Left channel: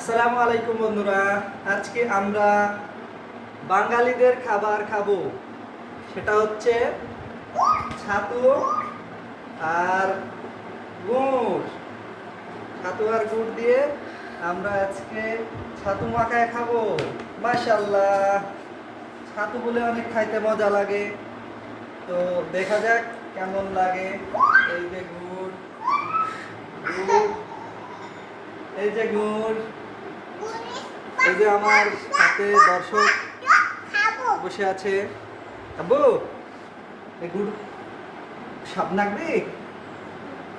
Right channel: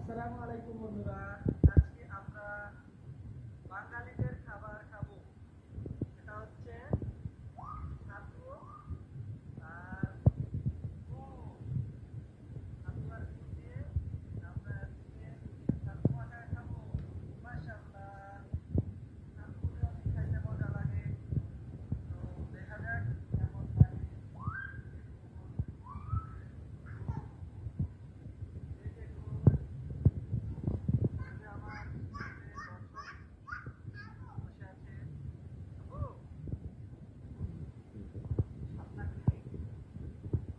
আসসালামু আলাইকুম বন্ধুরা, আজকে আমরা বাঙালিদের খাবার খাবো। সেটা হচ্ছে ছাতু আর গুড়। ছাতু আর গুড় দিয়ে আমরা আজকে ছাতু মাখায় খাবো। মাশাআল্লাহ, ছাতু বলে অনেক খাইতে মজা লাগে। তো দেখা যাক কেমন লাগে। এই যে গুড়, গুড়, এই যে গুড়, এই যে আমার সাথে দর্শক বসে আছে। আব্বু, এই গুড় স্বাদ লাগবে?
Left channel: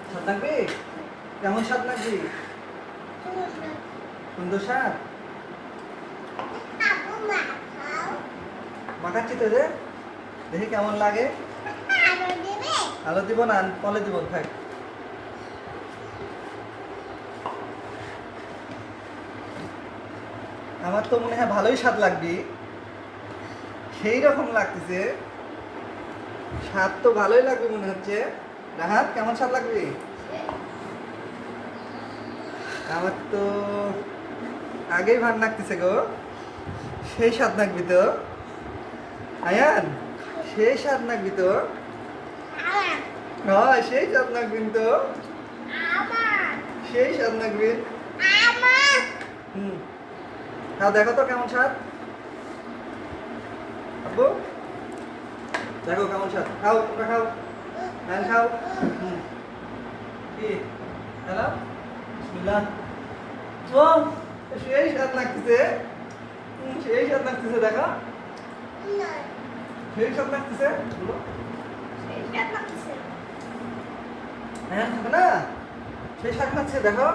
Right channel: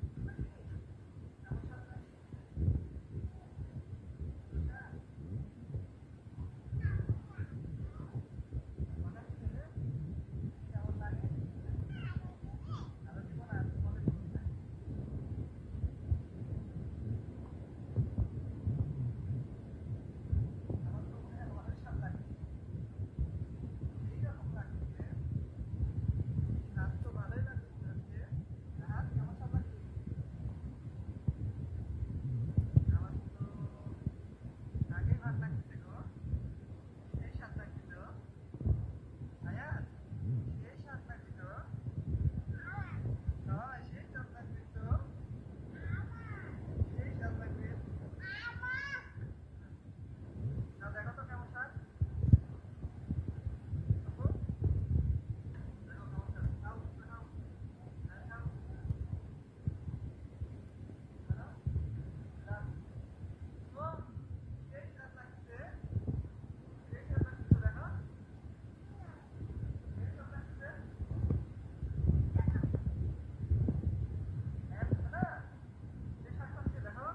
স্বাদ লাগবে? কেমন স্বাদ লাগবে? সুন্দর স্বাদ। মাখাচ্ছি তো যে, দেখি কেমন লাগে। আলো দিব না, কলে দিব, থাক। আমার তো মনে হয় ভালোই স্বাদ লাগবে, সেই রকম লাগতেছে। স্বাদ তো ভালোই লাগবে মনে হচ্ছে। রাহাত, কেমন স্বাদ লাগবে? আমার তো আগেই ভালো লাগতেছে গো। সেই স্বাদ লাগবি তো আয়ান, সেই স্বাদ লাগবি তো। হ্যাঁ, সেই স্বাদ লাগবি তো, সেই স্বাদ লাগবে। হুম, খাও, দেখো তো কেমন স্বাদ। আব্বু, দেখো কেমন স্বাদ। খাও, তোমরা খাও, আয়ান খাও। হুম, কি হ্যালো, বিসমিল্লাহ। ও, সেই স্বাদ লাগতেছে। সেই স্বাদ লাগতেছে, দেখো। সেই স্বাদ লাগতেছে, বলো। হ্যাঁ, থাকে না, সেই স্বাদ লাগছে, দেখো।